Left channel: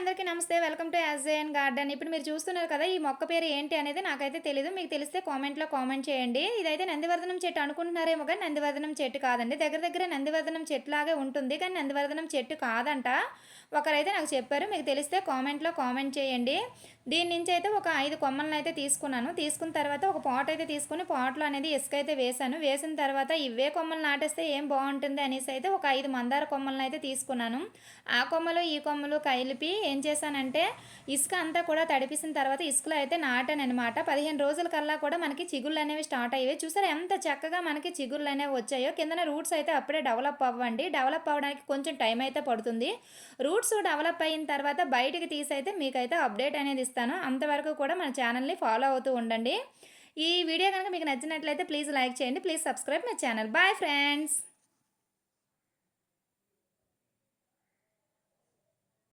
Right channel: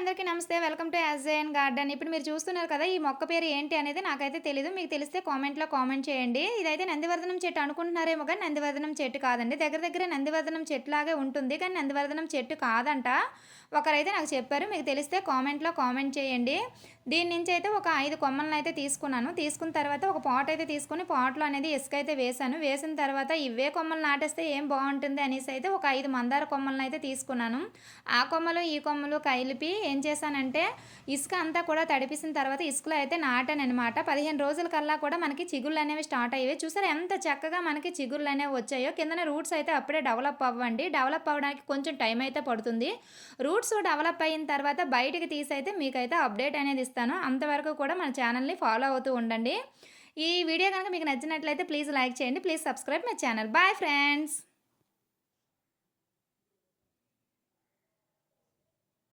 అందరికీ నమస్తే. Welcome to యాజైన్ గార్డెన్. ఇప్పుడు మీరు చూస్తున్నారు కదా ఈ మొక్క పేరు ఏంటి అనేది నాకైతే తెలియదు మీకు తెలిస్తే కామెంట్లో కామెంట్ చేయండి. ఇదైతే నందివర్ధనం చెట్టు అనుకుంటున్నారేమో కానీ నందివర్ధనం చెట్టు కాదండి. దగ్గర దగ్గర నందివర్ధనం చెట్టు లాగే ఉంటుంది. కానీ నందివర్ధనం చెట్టు కాదంట. ఒకరైతే నాకు చెప్పారు మీకు తెలిస్తే కామెంట్లో కామెంట్ చేయండి. దీని నుంచి అయితే ఒక ఐదు కొమ్మలను అయితే తీసుకున్నాను. తీసుకున్న తర్వాత ఒక పాట్ అయితే తీసుకుని పాట్లో అనేది ఇసుక అయితే వేశాను. వేసిన తర్వాత ఇవే కొమ్మలు నాటేస్తే ఏం బాగుంటుంది అనేసి అయితే ఒక ఐదు మందార కొమ్మలను అయితే తీసుకున్నాను. ఆ కొమ్మలు ఈ కొమ్మలు కలిపి ఏం చేశానంటే ఇసుక అంతా కూడా తడిపిసిన తర్వాత ఇసుకలో అయితే నాటాను అనమాట పదిహేను రోజుల కల్లా కూడా మనకి చిగుళ్ళు అనేవి స్టార్ట్ అయ్యాయి. చూసారా ఎంత చక్కగా మనకి చిగుళ్ళు అనేవి వచ్చాయో. కిందన రూట్స్ అయితే అప్పుడే డెవలప్ అవ్వండి. డెవలప్ అవ్వడానికి కొంచెం టైం అయితే పడుతుంది. రూట్స్ డెవలప్ అయిన తర్వాత బయటికి తీసి అయితే మీకైతే అప్డేట్ అనేది ఇస్తాను. అంతవరకు కూడా మన ఛానల్ని ఫాలో అవుతూ ఉండండి. ఈ వీడియో కనుక మీకు నచ్చినట్లయితే ప్లీజ్ లైక్ చేయండి. Please subscribe my channel. Bye friends.